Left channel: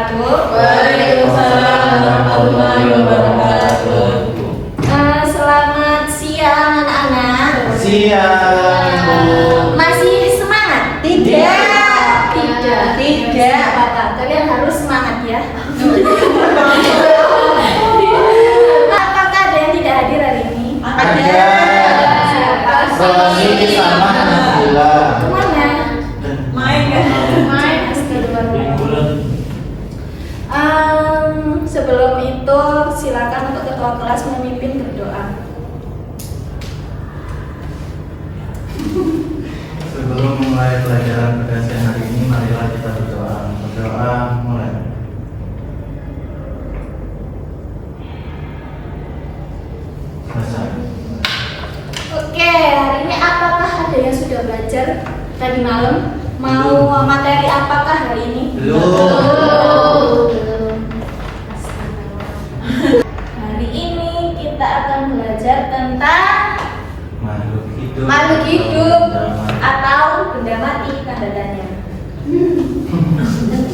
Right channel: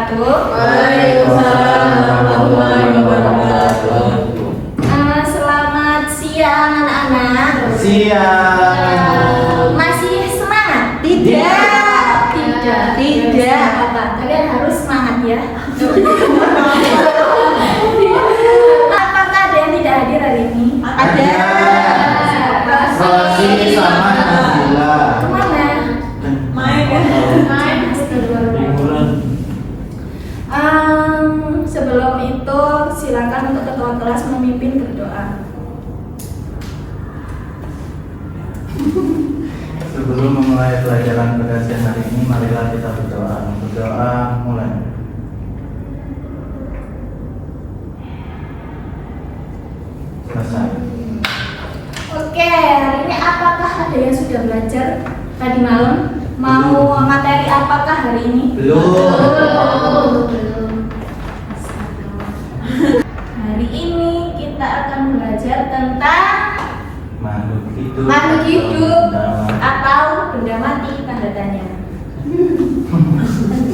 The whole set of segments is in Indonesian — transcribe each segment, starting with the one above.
wabarakatuh. Waalaikumsalam warahmatullahi wabarakatuh. Selamat siang anak-anak. Siang. Masih semangat? Tidak. Tidak. Apa-apa. Kalian harus semangat ya. Apakah ada yang tidak hadir hari ini? Ada. Siapa? Rosi sama Nabila. Kemana? Main ya? Main. Sebelum itu silakan untuk ketua kelas memimpin berdoa. Sebelum memulai pelajaran pada siang hari ini, marilah kita berdoa. Berdoa mulai. Selesai. Oke, hari ini apakah ada yang sudah belajar tadi malam? Mau materi apakah hari ini? Belum. Hari ini kita akan belajar tentang Makhluk hidup. atau benda mati tanda tanya.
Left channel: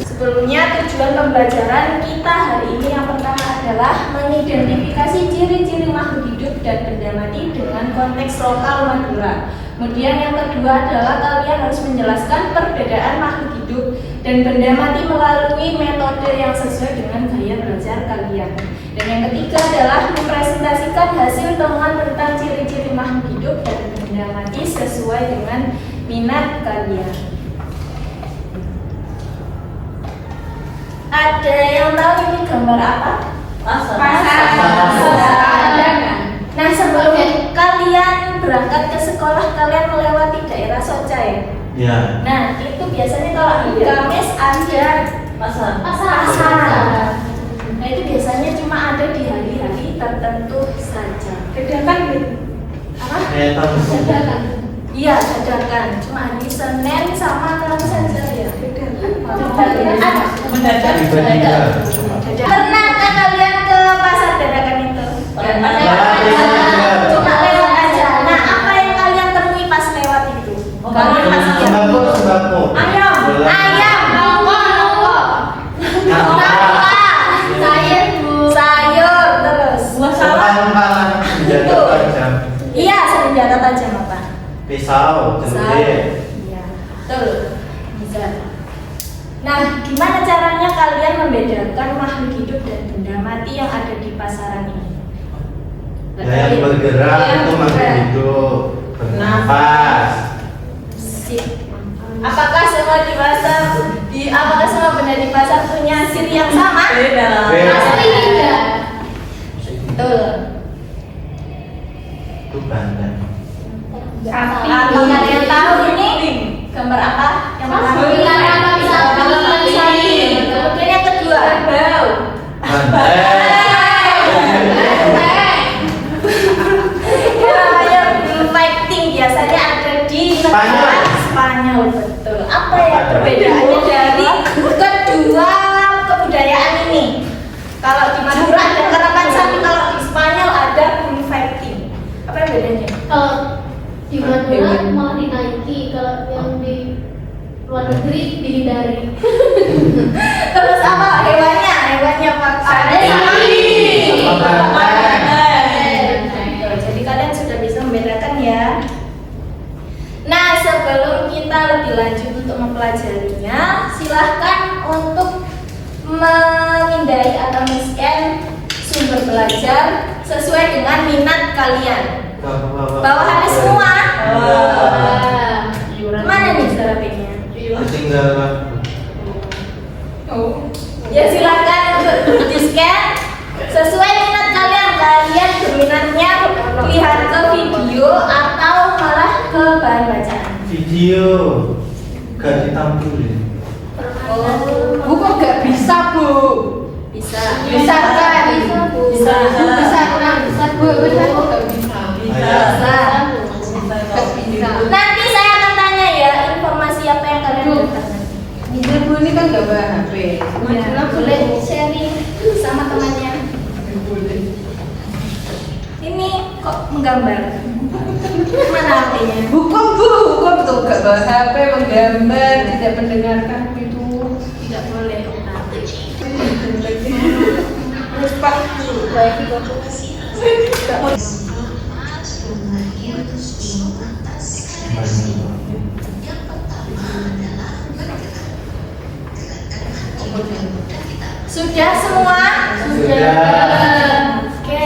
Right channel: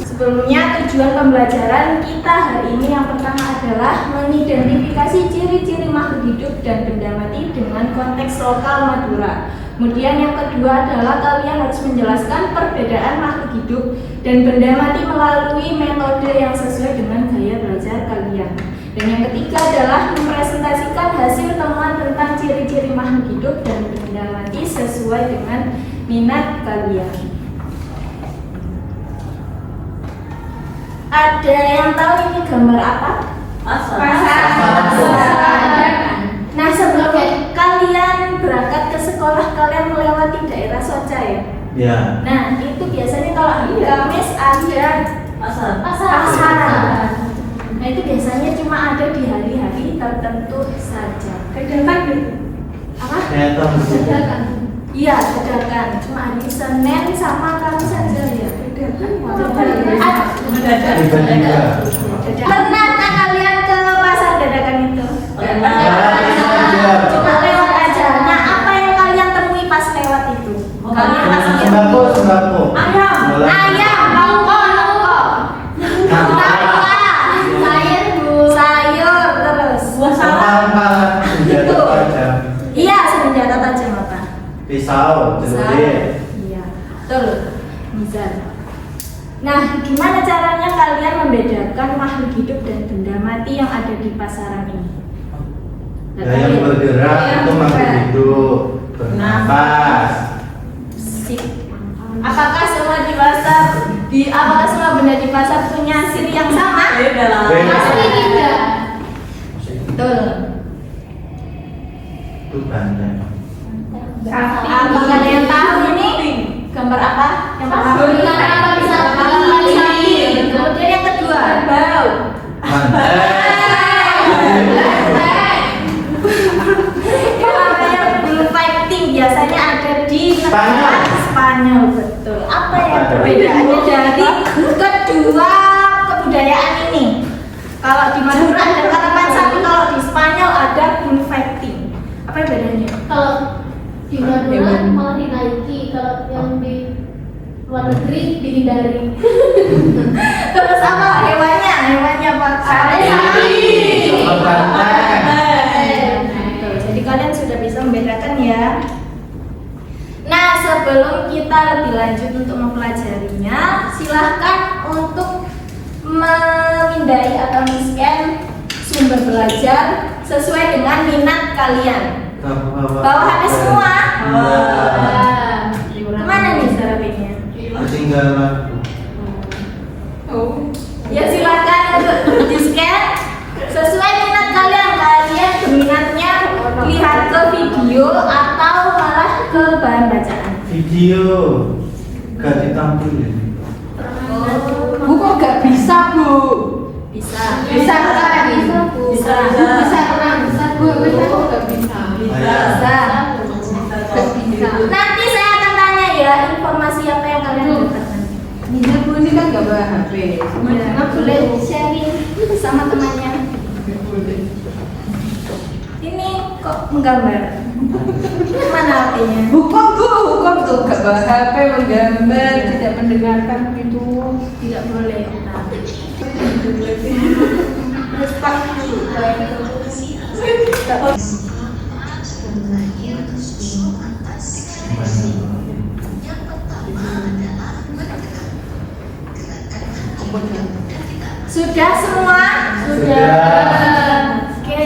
Sebelumnya tujuan pembelajaran kita hari ini yang pertama adalah mengidentifikasi ciri-ciri makhluk hidup dan benda mati dengan konteks lokal Madura. Kemudian yang kedua adalah kalian harus menjelaskan perbedaan makhluk hidup dan benda mati melalui metode yang sesuai dengan gaya belajar kalian. Dan yang ketiga adalah mempresentasikan hasil temuan tentang ciri-ciri makhluk hidup dan benda mati sesuai dengan minat kalian. Ada yang tahu ini gambar apa? Pasar. Nah, sebelum kalian berangkat ke sekolah, kalian melewati daerah Socai. Ya. Nah, itu biasanya kalau hari Kamis ada Pasar. pasar. Nah, itu biasanya cuma ada di hari-hari tertentu saja. Kedakan gitu. Apa? Dadakan. Iya, dadakan. Cuma hari Senin sama Kamis saja ya. Mendadak. Tiba-tiba. Pernahkah kalian ke pasar dadakan itu? Iya. Cuma lewat aja. Nah, apa yang kalian temui pas lewat itu? Kalian pasti Sembako. Ayam. Boleh. ayam, bawang, sayur, terus Buah salak. Pangan senjata tajam. iya, senjata tajam apa? Pisau, celurit. Iya, betul. Bisa. Nah, gimana caranya kalian membedakan makhluk hidup dan benda mati yang ada di pasaran ini? Ya, yang bergerak itu makhluk hidup. Bernafas. Sip. Apakah semua di pasar apakah semua benda di pasar punya ciri yang sama? Beda lah. Beda. Betul. Itu banyak. Apakah ada yang tahu ini gambar apa? Yang pertama. Kemudian yang kedua. Bau. Iya, Yang blue fighting biasanya ada di Spanyol. Spanyol, betul. Apa yang perbedaannya dari kedua kebudayaan ini? Kalau di Madura ada karapan sapi, kalau di Spanyol ada blue fighting. Apa yang bedanya? Kalau di Madura malah dinaiki, kalau yang di luar negeri dihindari. Terus apa hewannya? Hewannya apa? Sapi. Sama banteng. Betul. Jadi kalian sudah bisa membedakan ya. Nah, sebelum kita lebih lanjut untuk mempelajarinya, silahkan untuk memindai atau men-scan sumber belajar sesuai dengan minat kalian. Bawahannya semua. Mana nih serapinya? Ketinggalan. Oh. Ya silakan untuk di-scan sesuai minat kalian. Kalian berminatnya lihat ke video atau malah ke bahan bacaan. Video gak ditampilin. Oh, Buku gak bisa, Bu. bisa. Bisa kan? Bisa. Bisa kurang bisa. Bu, benar gak bisa. Bisa. Bisa. Nanti saya akan tanya ya informasi apa yang kalian dapat nanti. Bisa, Bu, ini kan gak bawa HP. Ya, boleh sharing sama temannya. Ini kok menggambar? Mana HP-nya? Bukan, Bu, bukan tuh gak bawa HP, menggambar, tidak mendengarkan itu. Tidak tidak boleh. Sudah semua? Sudah. Oke.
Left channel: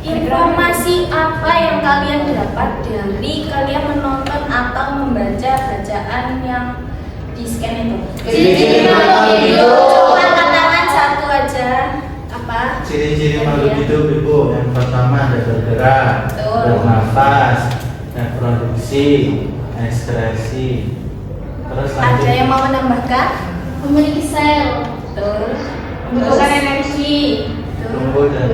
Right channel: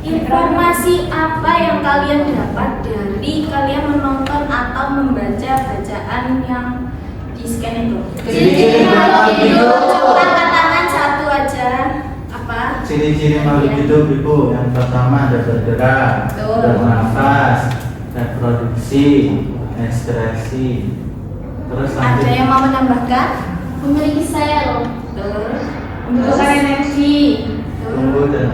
Informasi apa yang kalian dapat dari kalian menonton atau membaca bacaan yang di scan itu? Ciri-ciri makhluk hidup. Coba katakan satu aja. Apa? Ciri-ciri makhluk hidup Ibu, yang pertama ada bergerak, Betul. bernafas, reproduksi, ekspresi. Terus Ada lanjut. yang mau menambahkan? Memiliki sel. Betul. Membutuhkan energi. Tumbuh dan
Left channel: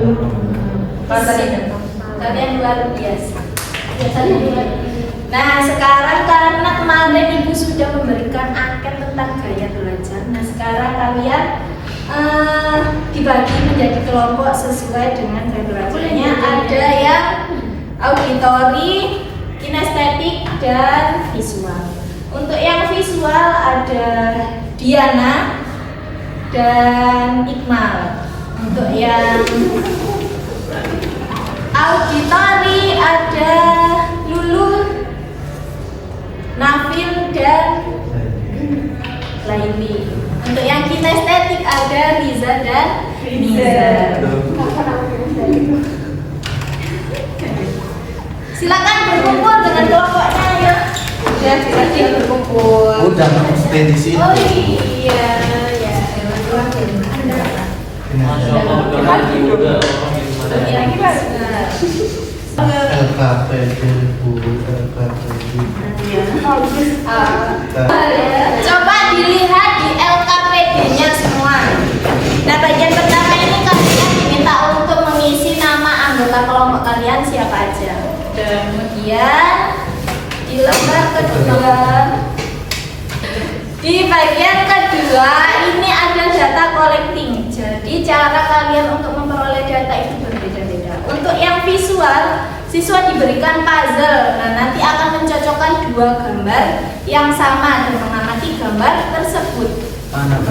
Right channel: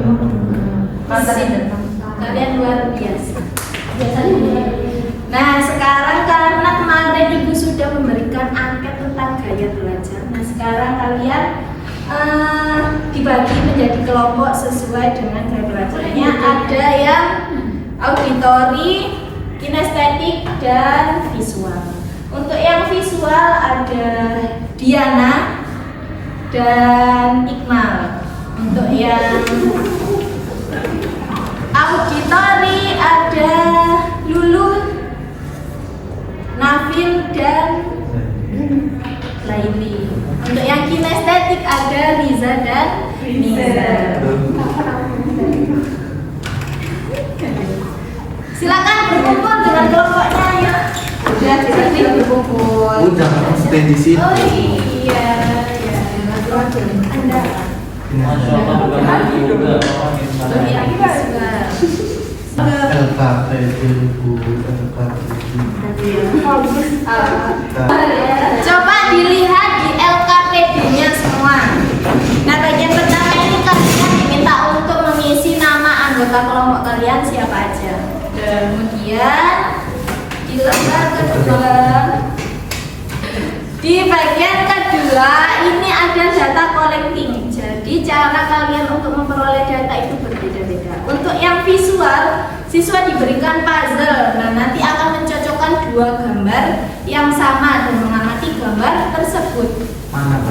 Kalian luar biasa. Biasanya Nah, sekarang karena kemarin Ibu sudah memberikan angket tentang gaya belajar. Nah, sekarang kalian dibagi menjadi kelompok sesuai dengan gaya belajarnya. Ada yang auditori, kinestetik, dan visual. Untuk yang visual ada Diana dan Iqmal. Untuk yang auditori ada Lulu, Nafil, dan Laili. Untuk yang kinestetik ada Riza dan Niza. Silakan berkumpul dengan kelompoknya ya. Sudah silakan berkumpul. Bu, jangan stay di sini. Oh iya, ya. Anda. Masya Allah, udah lagi udah orang yang Untuk ada. yang visual. LKPD Bu, LKPD. Coba dilihat di LKPD-nya semua. Nah, bagian pertama ini kalian diminta untuk mengisi nama anggota kelompok kalian siapa aja. Kemudian di lembar kedua, di bagian kedua ini ada data collecting. Jadi cara kalian untuk memperoleh data itu berbeda-beda. Untuk yang visual, siswa diberikan puzzle. Nah, nanti akan mencocokkan dua gambar yang sama dan mengamati gambar tersebut.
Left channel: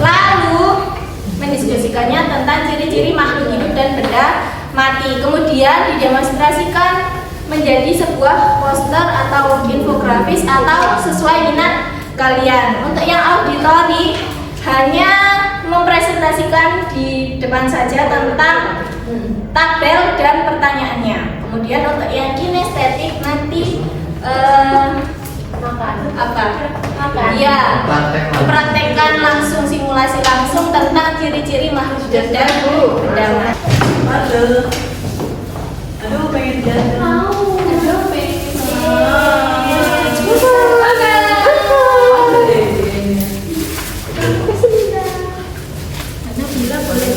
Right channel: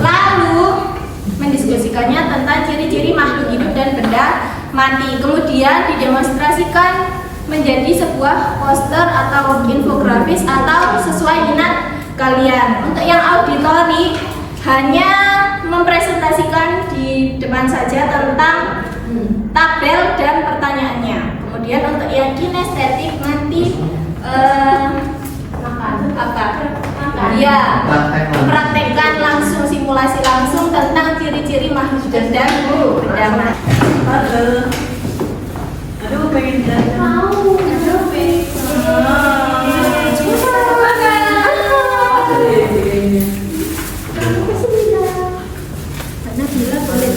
Lalu mendiskusikannya tentang ciri-ciri makhluk hidup dan benda mati. Kemudian didemonstrasikan menjadi sebuah poster atau infografis atau sesuai minat kalian. Untuk yang auditori hanya mempresentasikan di depan saja tentang tabel dan pertanyaannya. Kemudian untuk yang kinestetik nanti ya mempraktekkan langsung, simulasi langsung tentang ciri-ciri makhluk hidup dan benda mati. Aduh, pengen jalan. mau. Nabila boleh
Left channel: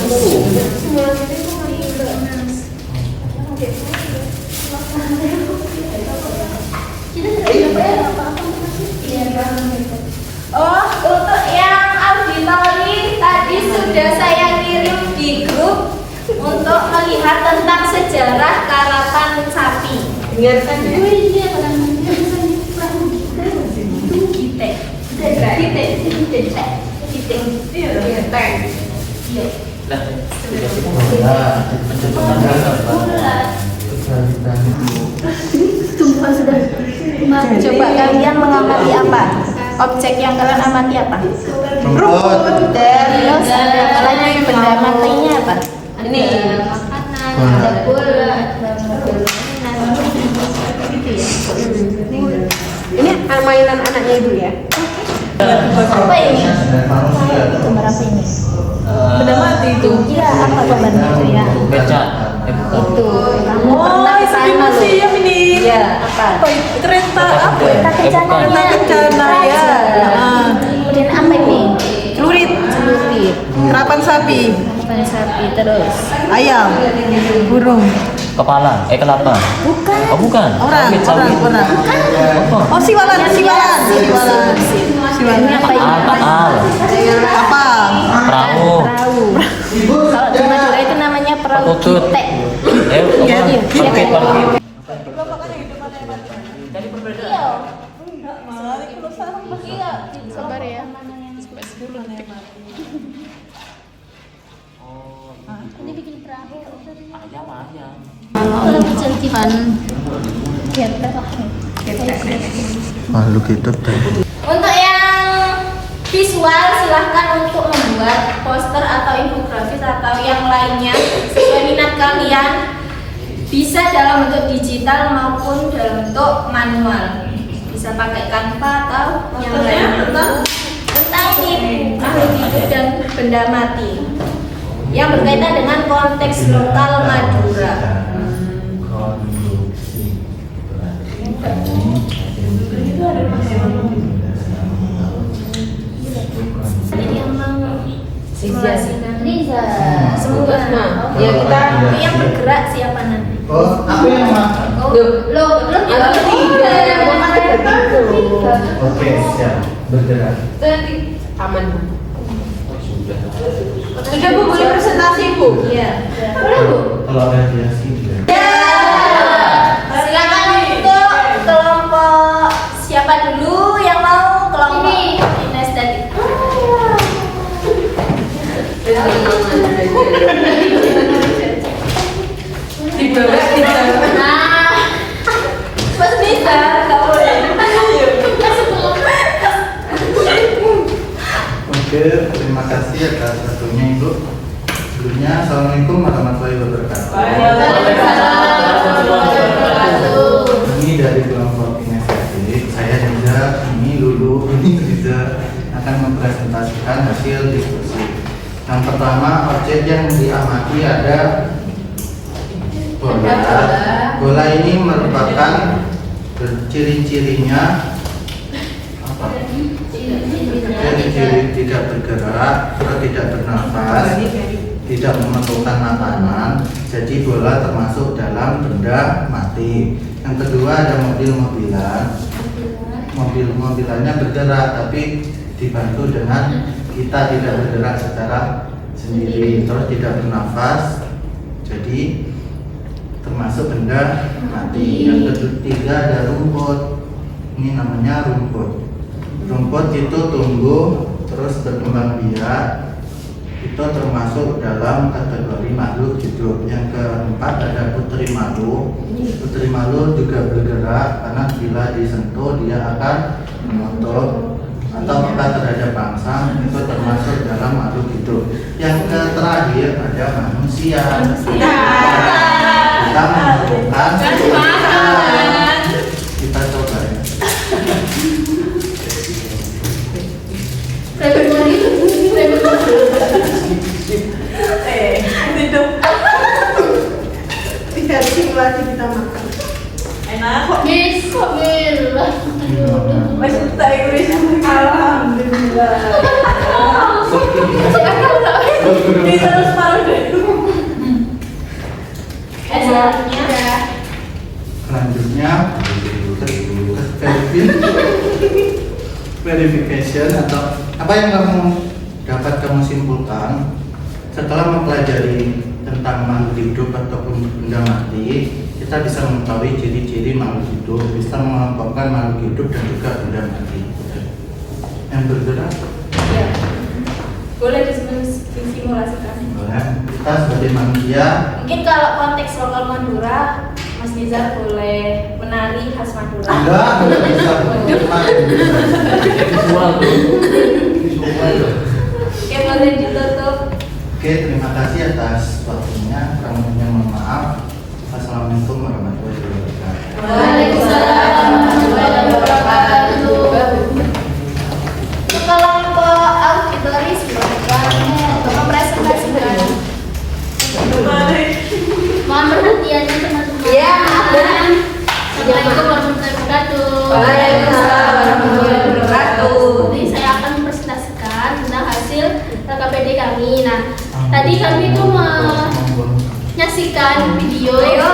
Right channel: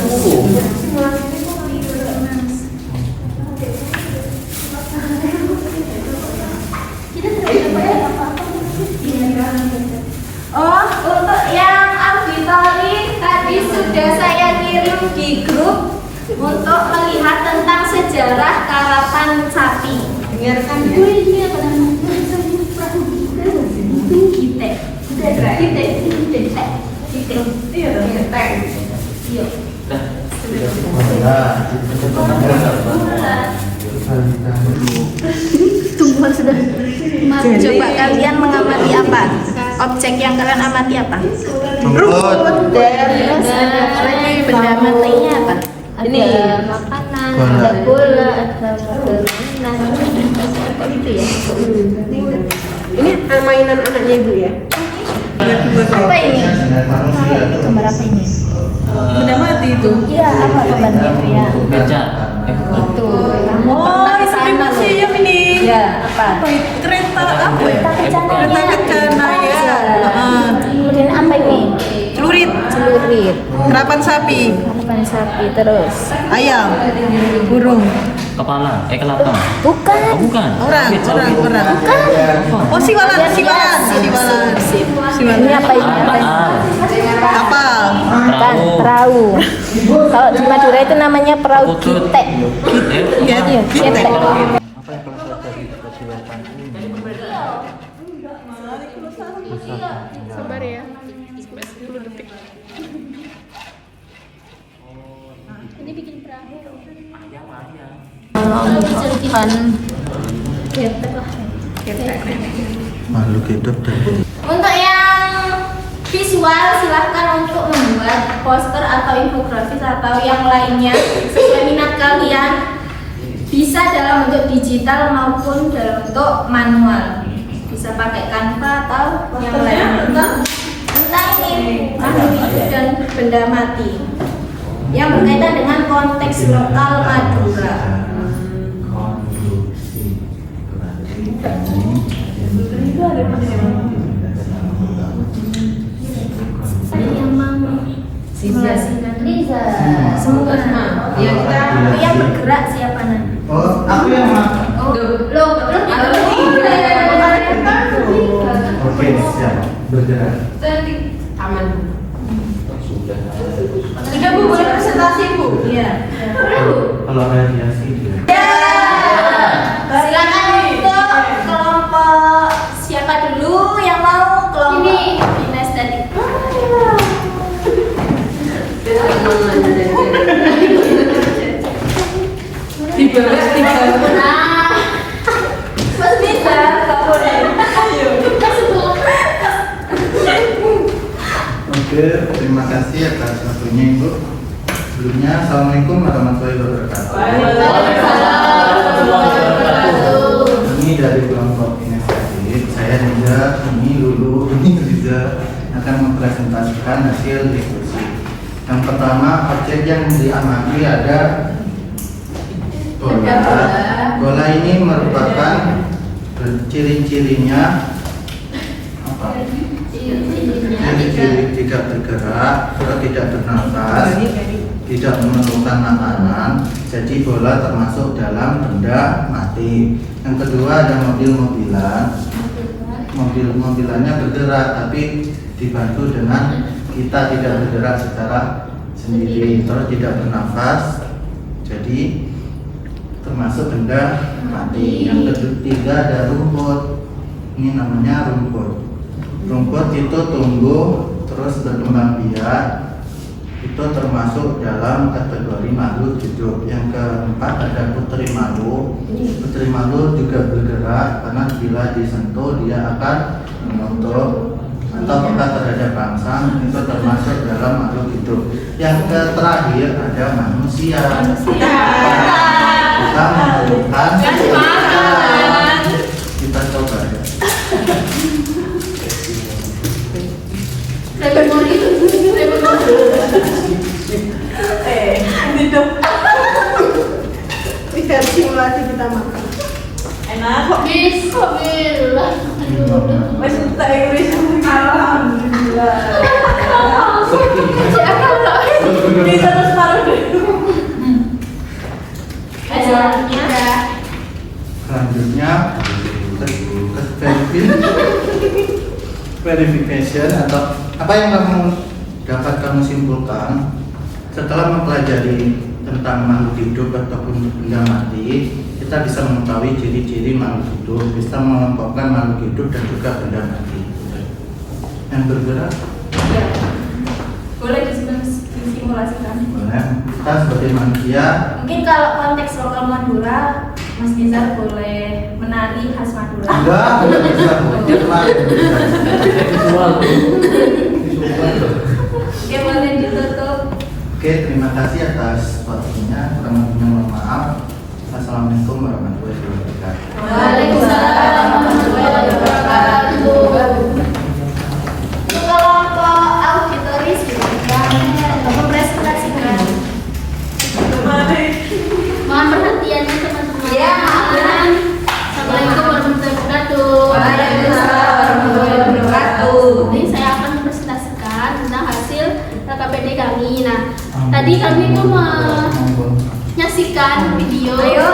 Oh, untuk yang auditori tadi sudah saya kirim di grup untuk melihat tentang sejarah karapan sapi. Biarkan Oh iya, pada mungkin perahu Kita. Iya dong, ya, teh. Iya. Lah, sudah kita Sumpah sudah. Coba kalian mengamati apa? Objek yang kalian amati apa? Rumput. Terus lagi benda matinya apa? Ini. Makanan, Bola. ada bola, ada mainan, gitu ya. Ini mainan anaknya Ibu ya? Apa ini? Gambar apa ini? Benda mati itu. Iya, apa gambarnya itu ya? baca. Itu. Kamu pernah ke sana loh? ini. Iya, apa? Kereta apa? Kereta kencananya. Kereta kencana ya. Raja. Kemudian apa ini? Celurit, Celurit, kerapan sapi, harapan sapi, terus ayam, burung. Kepala, kelapa. bukan. Oh bukan. Orang. Apa? Oh, siwalan. Ini apa ini? Al. Kapal. Perahu. Perahu. Kalau di Madura itu namanya perahu Putut. kitek. Iya, kitek. Sabar ya, sampai 10 detik. Makhluk hidup dan Untuk yang visual silahkan untuk membuat poster atau infografis atau yang lainnya sesuai minat kalian, bisa dalam bentuk digital maupun dalam bentuk manual, bisa pakai Canva atau yang lainnya. Tentang ini makhluk hidup dan benda mati yang berkaitan dengan konteks lokal Madura. Yang simulasikan Riza. semua Yang kita yang bergerak siapa nanti? Oh, aku yang makan. Oh, Loh, belum atau tiga. Oke, siap. Bergerak. Nanti aman. Sudah. Sudah Bu, boleh presentasi Bu? iya. Kalau mediasi Silakan untuk kelompok siapa dulu yang mau kelompok Ini. Ines tadi. Di bawah tiga. Nah, mas bisa nggak boleh. Oke, terima kasih atas waktunya Ibu. Sebelumnya, Assalamualaikum warahmatullahi wabarakatuh. Ini dari kelompok inisiatif. Saya Riza, ini Lulu, ini Riza akan mempresentasikan hasil diskusi. Yang pertama, objek yang diamati ada bola. Bola ini merupakan ciri-cirinya apa? Ciri-ciri tidak bergerak atau tidak bernafas, tidak memerlukan makanan. Jadi bola termasuk dalam benda mati. Yang kedua ada mobil-mobilan. Mobil-mobilannya bergerak tapi dibantu dengan kita tidak bergerak secara sendiri, terus tidak bernafas. Jadi termasuk benda mati. Yang ketiga ada rumput. Ini namanya rumput. Rumput itu tumbuh terus berkembang biak, itu termasuk dalam kategori makhluk hidup. Yang keempat ada putri malu. Putri malu juga bergerak karena bila disentuh dia akan menutup atau peka terhadap bangsa, itu termasuk dalam makhluk hidup. Yang terakhir ada manusia. Kita memerlukan kita coba ya. Tidak simulasi kita makan. Enak kok. Bismillah. Masih tak Inggris. Alhamdulillah. Ini terus paruh deh. Selanjutnya Selanjutnya verification atau apa yang dapat kamu simpulkan setelah mempelajari tentang makhluk hidup ataupun benda mati. Kita bisa mengetahui ciri-ciri makhluk hidup, bisa mengelompokkan makhluk hidup dan juga benda mati yang bergerak. ya. Boleh disimulasikan. Boleh. Kita sebagai manusia Mungkin kalau konteks lokal Madura, Mas Nizar boleh menari khas Madura. enggak bisa. Oke, boleh ditutup. Oke, terima kasih atas waktunya. Kurang lebihnya mohon maaf. Assalamualaikum warahmatullahi wabarakatuh. Waalaikumsalam warahmatullahi wabarakatuh. Untuk kelompok auditoris silakan untuk mempresentasikan. Mohon perhatiannya teman-teman. Ya. Assalamualaikum warahmatullahi wabarakatuh. Waalaikumsalam warahmatullahi wabarakatuh. Jadi saya akan mempresentasikan tentang hasil LKPD kami. Nah, tadi kami itu menyaksikan video yang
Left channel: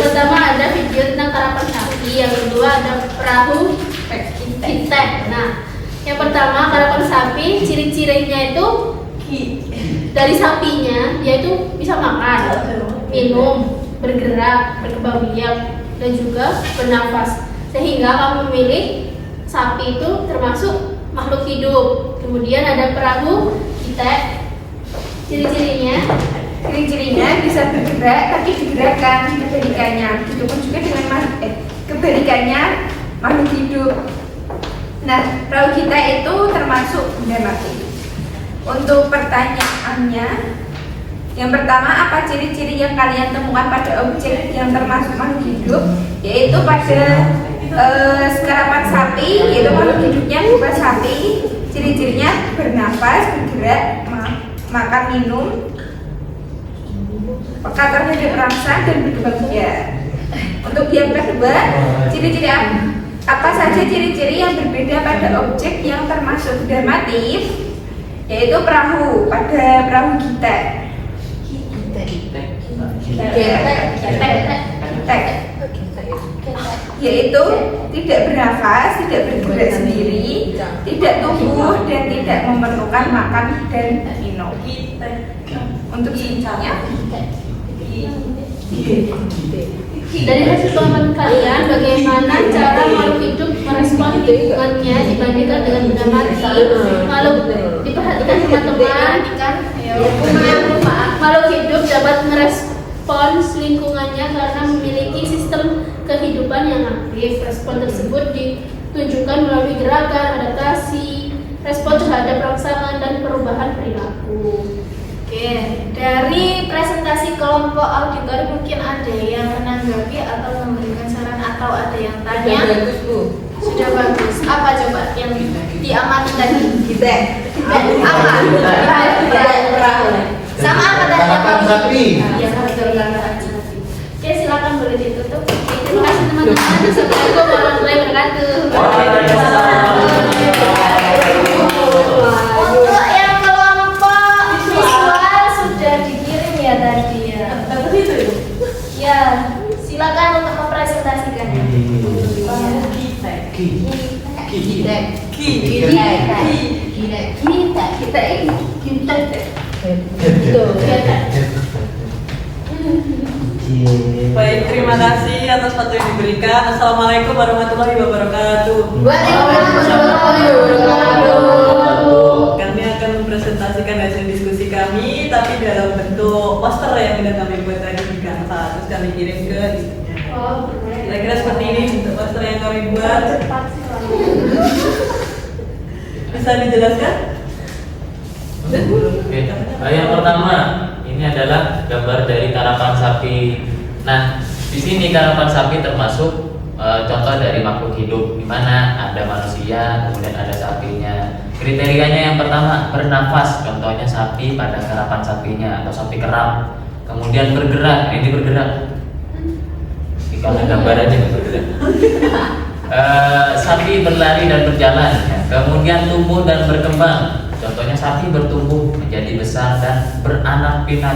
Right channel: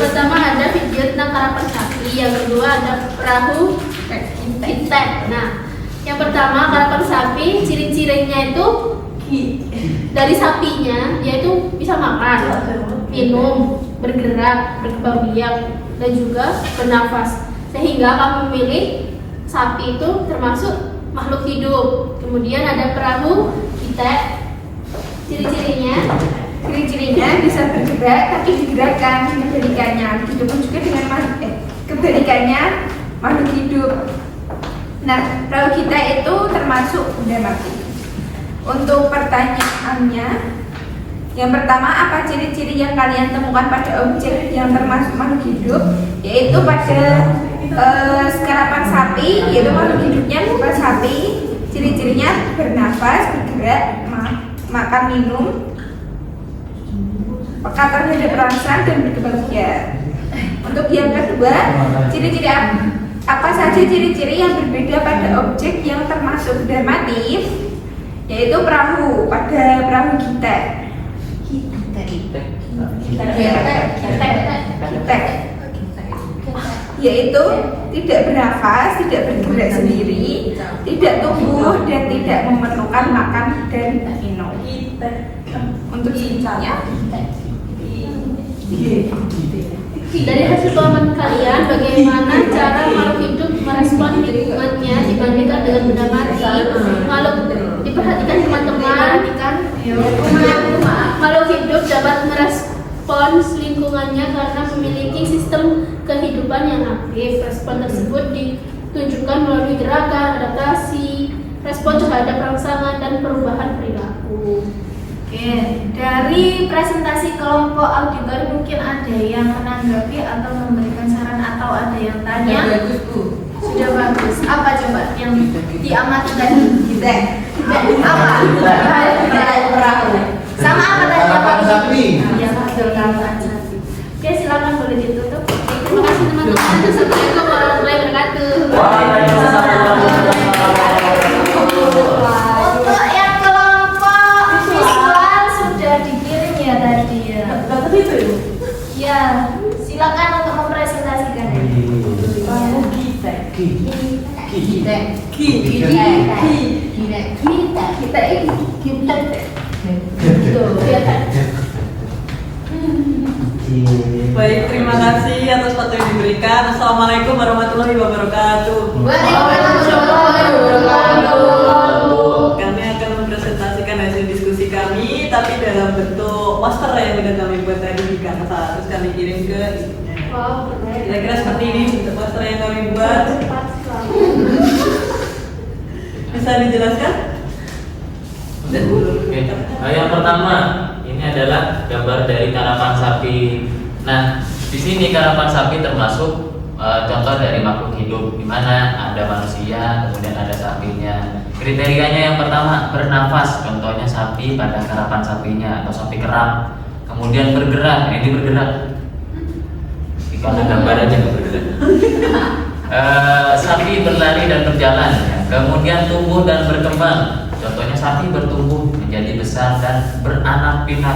pertama ada video tentang karapan sapi, yang kedua ada perahu Kintek. Nah, yang pertama karapan sapi, ciri-cirinya itu dari sapinya, yaitu bisa makan, minum, bergerak, berkembang biak, dan juga bernafas. Sehingga kami memilih sapi itu termasuk makhluk hidup. Kemudian ada perahu Kintek, ciri-cirinya Ciri-cirinya bisa bergerak tapi digerakkan kebalikannya. Begitupun juga dengan kebalikannya makhluk hidup. Nah, perahu kita itu termasuk benda mati. Untuk pertanyaannya, yang pertama, apa ciri-ciri yang kalian temukan pada objek yang termasuk makhluk hidup? Yaitu pada karapan sapi, yaitu makhluk hidupnya berupa sapi. Ciri-cirinya bernafas, bergerak, makan, minum, peka terhadap rasa, dan berkembang biak. Untuk yang kedua, ciri-ciri apa saja ciri-ciri yang berbeda pada objek yang termasuk benda mati? Yaitu perahu, pada perahu kita. Yaitu tidak bernafas, tidak bergerak sendiri, tidak tumbuh, dan tidak memerlukan makan dan minum. Untuk cirinya, Dari hasil komen kalian, bagaimana cara makhluk hidup merespon lingkungannya dibandingkan dengan benda mati? Kalau diperhatikan teman-teman, makhluk hidup dapat merespons lingkungannya karena memiliki sistem kehidupan yang aktif. Respon tersebut ditunjukkan melalui gerakan, adaptasi, respon terhadap rangsangan, dan perubahan perilaku. Oke, dari presentasi kelompok auditor mungkin ada yang menanggapi atau memberikan saran atau ada yang tanya? Sudah bagus. Apa coba yang diamati tadi? Kita. Apa? Sama apa tadi? Karapan sapi. Ya, karapan sapi. Oke, silakan boleh ditutup. Terima kasih teman-teman. Assalamualaikum warahmatullahi wabarakatuh. Untuk yang kelompok visual sudah dikirim ya tadi ya. Dapat itu ya? Ya, silakan untuk mempresentasikan. Baik, terima kasih atas waktu yang diberikan. Assalamualaikum warahmatullahi wabarakatuh. Waalaikumsalam warahmatullahi wabarakatuh. Kami akan mempresentasikan hasil diskusi kami, tapi dalam bentuk poster yang sudah kami buat tadi di Canva. Terus kami kirim ke ibunya. Kira-kira seperti ini bentuk poster yang kami buat. Bisa dijelaskan? Oke. Yang pertama, ini adalah gambar dari karapan sapi. Nah, di sini karapan sapi termasuk contoh dari makhluk hidup, di mana ada manusia, kemudian ada sapinya. Kriterianya yang pertama, bernafas, contohnya sapi pada karapan sapinya atau sapi keram. Kemudian bergerak, nah, ini bergerak. Kalau gambar aja nggak bergerak. Sapi berlari dan berjalan, ya. Kemudian tumbuh dan berkembang. Contohnya sapi bertumbuh menjadi besar dan beranak pinak.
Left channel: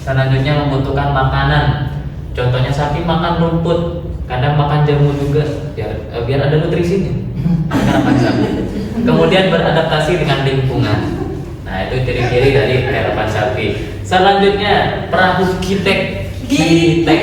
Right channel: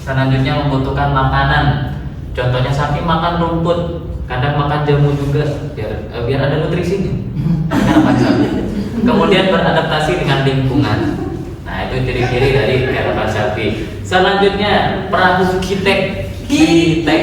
Selanjutnya membutuhkan makanan. Contohnya sapi makan rumput, kadang makan jamu juga biar ada nutrisinya. Karapan sapi. Kemudian beradaptasi dengan lingkungan. Nah, itu ciri-ciri dari karapan sapi. Selanjutnya perahu kitek. Kitek.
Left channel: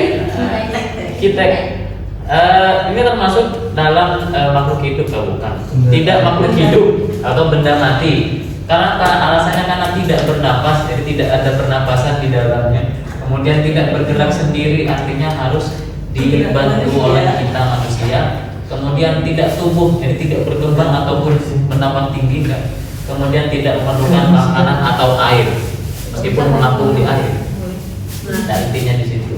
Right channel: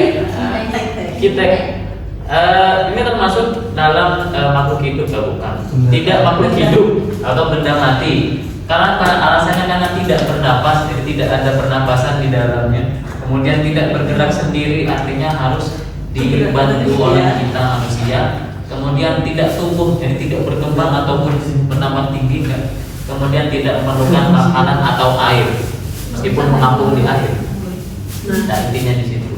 Ini termasuk dalam makhluk hidup atau bukan? Tidak makhluk hidup atau benda mati. Karena alasannya karena tidak bernafas, jadi tidak ada pernapasan di dalamnya. Kemudian tidak bergerak sendiri, artinya harus dibantu oleh kita manusia. Kemudian tidak tumbuh, jadi tidak berkembang ataupun menambah tinggi kan. Kemudian tidak memerlukan makanan atau air, meskipun mengapung di air. Nah, intinya di situ.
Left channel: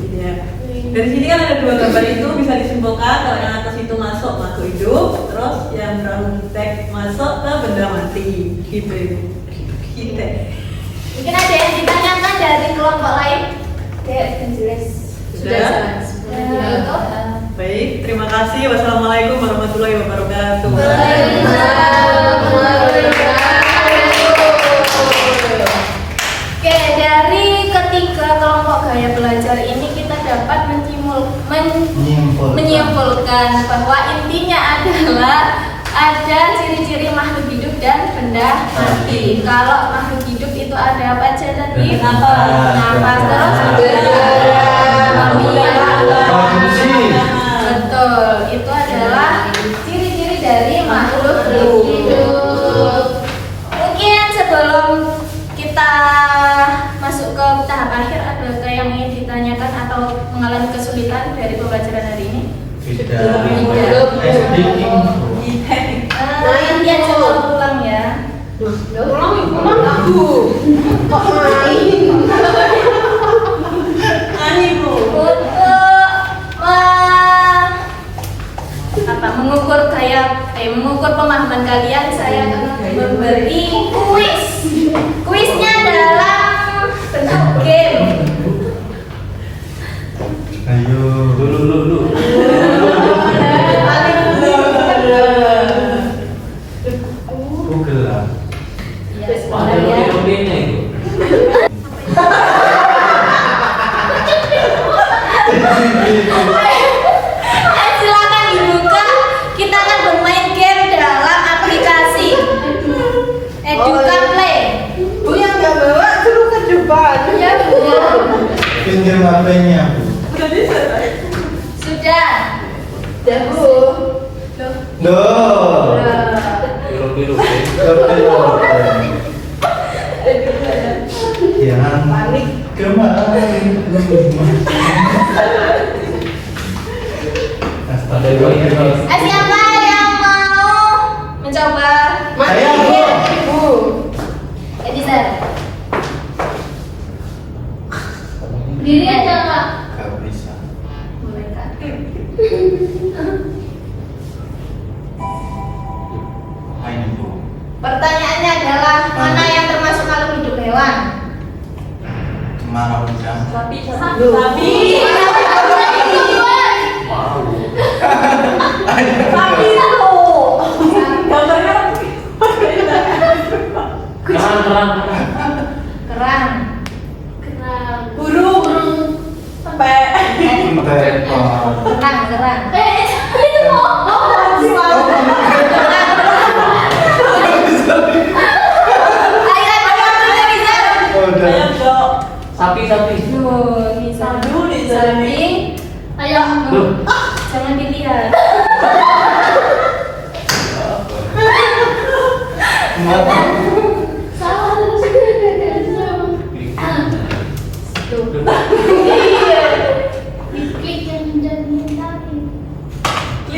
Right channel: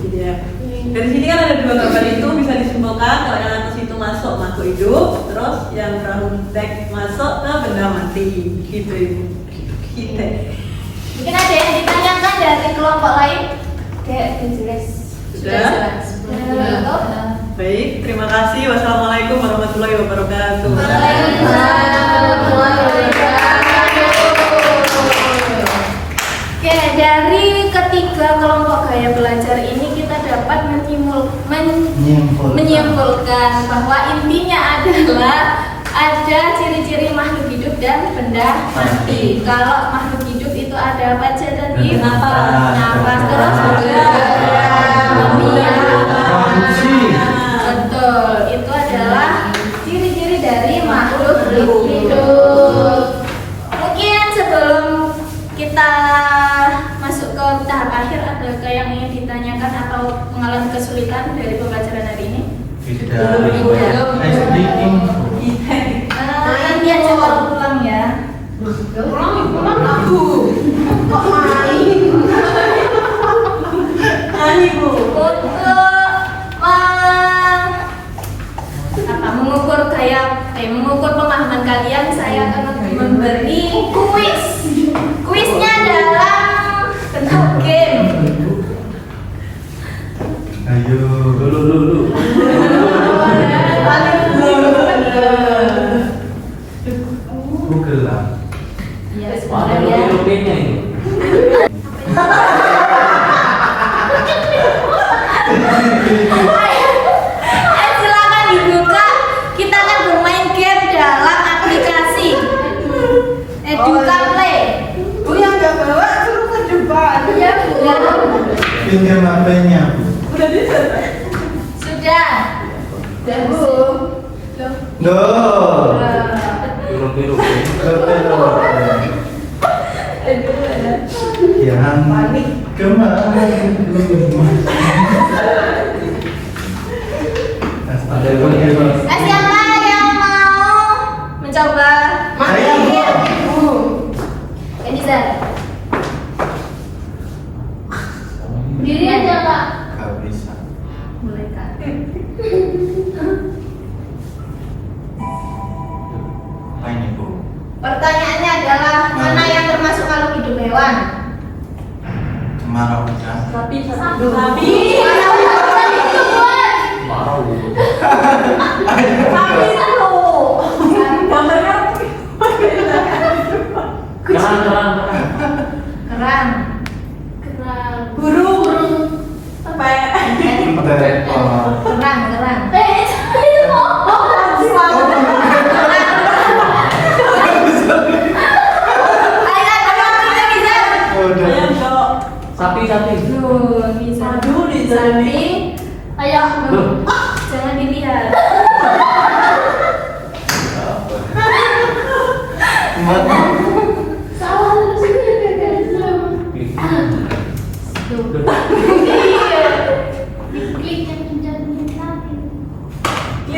Dari sini kan ada dua gambar itu, bisa disimpulkan kalau yang atas itu masuk makhluk hidup, terus yang brown tag masuk ke benda mati, gitu ibu. Kita. Mungkin ada yang ditanyakan dari kelompok lain? Kayak jelas. Sudah? Baik, terima kasih. Wassalamualaikum warahmatullahi wabarakatuh. Oke, dari ketiga kelompok gaya belajar ini kita dapat menyimpulkan bahwa intinya adalah ada ciri-ciri makhluk hidup dan benda mati. Kalau makhluk hidup itu ada apa aja tadi? Nafas, terus betul, itu adalah ciri-ciri dari makhluk hidup. Mungkin sebelum kita masuk ke tahap akhir, perhatikan dari pembelajaran hari ini? Tidak. Tidak. Sedikit. Nanti aja kalau pulang ya. Pulang aku. Untuk mengukur pemahaman kalian, saya akan memberi kuis. Kuisnya dalam bentuk game. Ayo. Dulu. Google lah. Ya, Mana sebenarnya. lebih-lebihnya itu? Silakan dibuka. Kita akan bermain game dalam aplikasi Eduka Play. yang nggak bawa suruh ke depan. Pinggir HP-nya, Bu. Udah bisa. Sudah. Duh. Biru-biru. Jangan panik kemarin. Astagfirullah. Siapa yang mau mencoba? Saya mau. Edison. Diri aja Kak. Gak bisa. Mereka. Apa ini, Bu? Pertanyaannya adalah mana yang termasuk makhluk hidup hewan? Kemarau hujan. Sapi. Mau. Kerang. Kerang. Kerang. Burung. Sampai. Kemarau. Kerang. Itu mau. Ayam dok. Sapi. Aduh, di sana. Sapi. Ayo. Jangan dilihat. Salah harus Klik yang menjadi hati.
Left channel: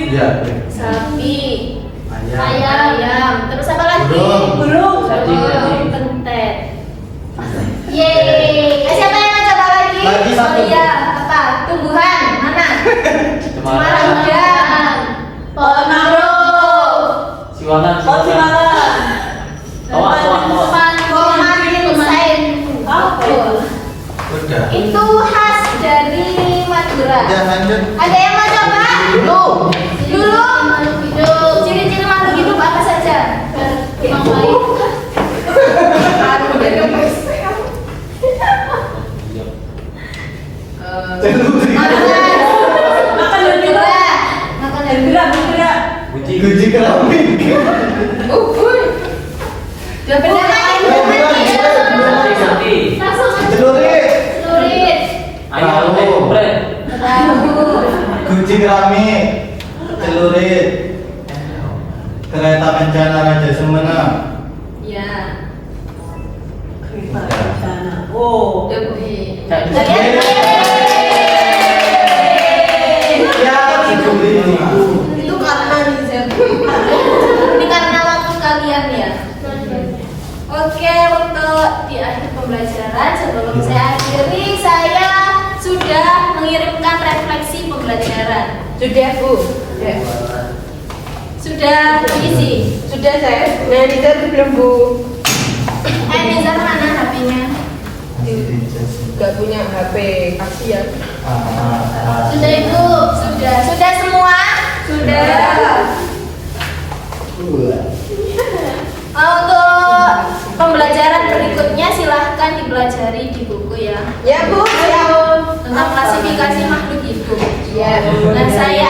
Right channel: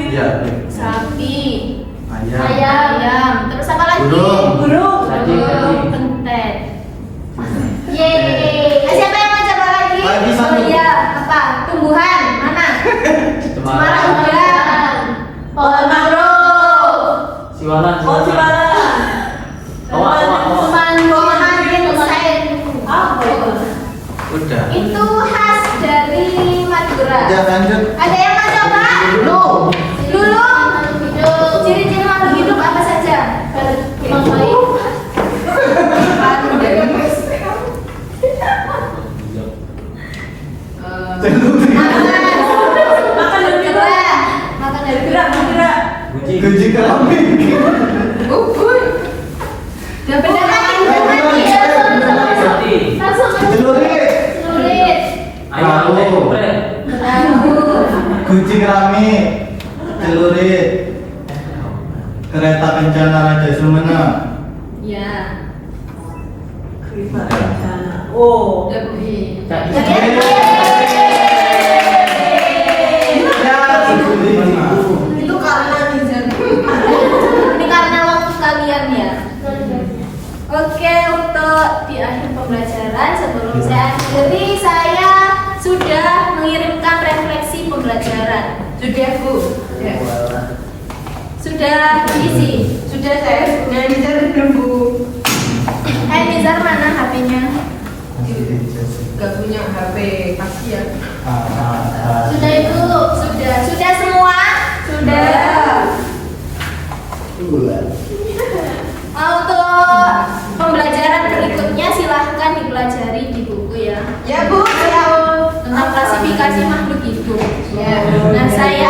Ya. Sapi. Ayam. Ayam. Terus apa lagi? Burung. Cacing. Pentet. Yeay. Siapa yang ngajak lagi? Lagi satu. Oh iya. Apa? Tumbuhan. Mana? Cemara. Pohon mangrove. Siwalan. Oh, Pohon ginseng. apa itu? Udah. Itu khas dari Madura. Jangan lanjut. Ada yang mau coba? Belum. Dulu. Ciri-ciri makhluk hidup apa saja? Makan dan gerak. Makan dan gerak. Bergerak. Guji keramik. Dan benda lain Sapi. Langsung Celurit. celurit. Ayam ekopren. Guji keramik. Celurit. Kereta kencana Raja Sumena. Ya. Kereta kencana. Oh. Lebih. Cak. Ya, celurit. Itu karena nizam. Ini karena waktu kalian ya. Oke, untuk di akhir pembelajaran sebelum saya akhiri, saya sudah mengirimkan refleksi pembelajaran. Sudah, Bu? Sudah diisi? Sudah saya. Nah, Nizar belum Bu. Nizar mana HP-nya? Gak punya HP, kasihan. Sudah itu? Sudah semua? Sudah. Untuk pembelajaran berikutnya silahkan dipelajari di buku ya. Ya Bu, Tentang klasifikasi makhluk hidup. Ya. Dan saya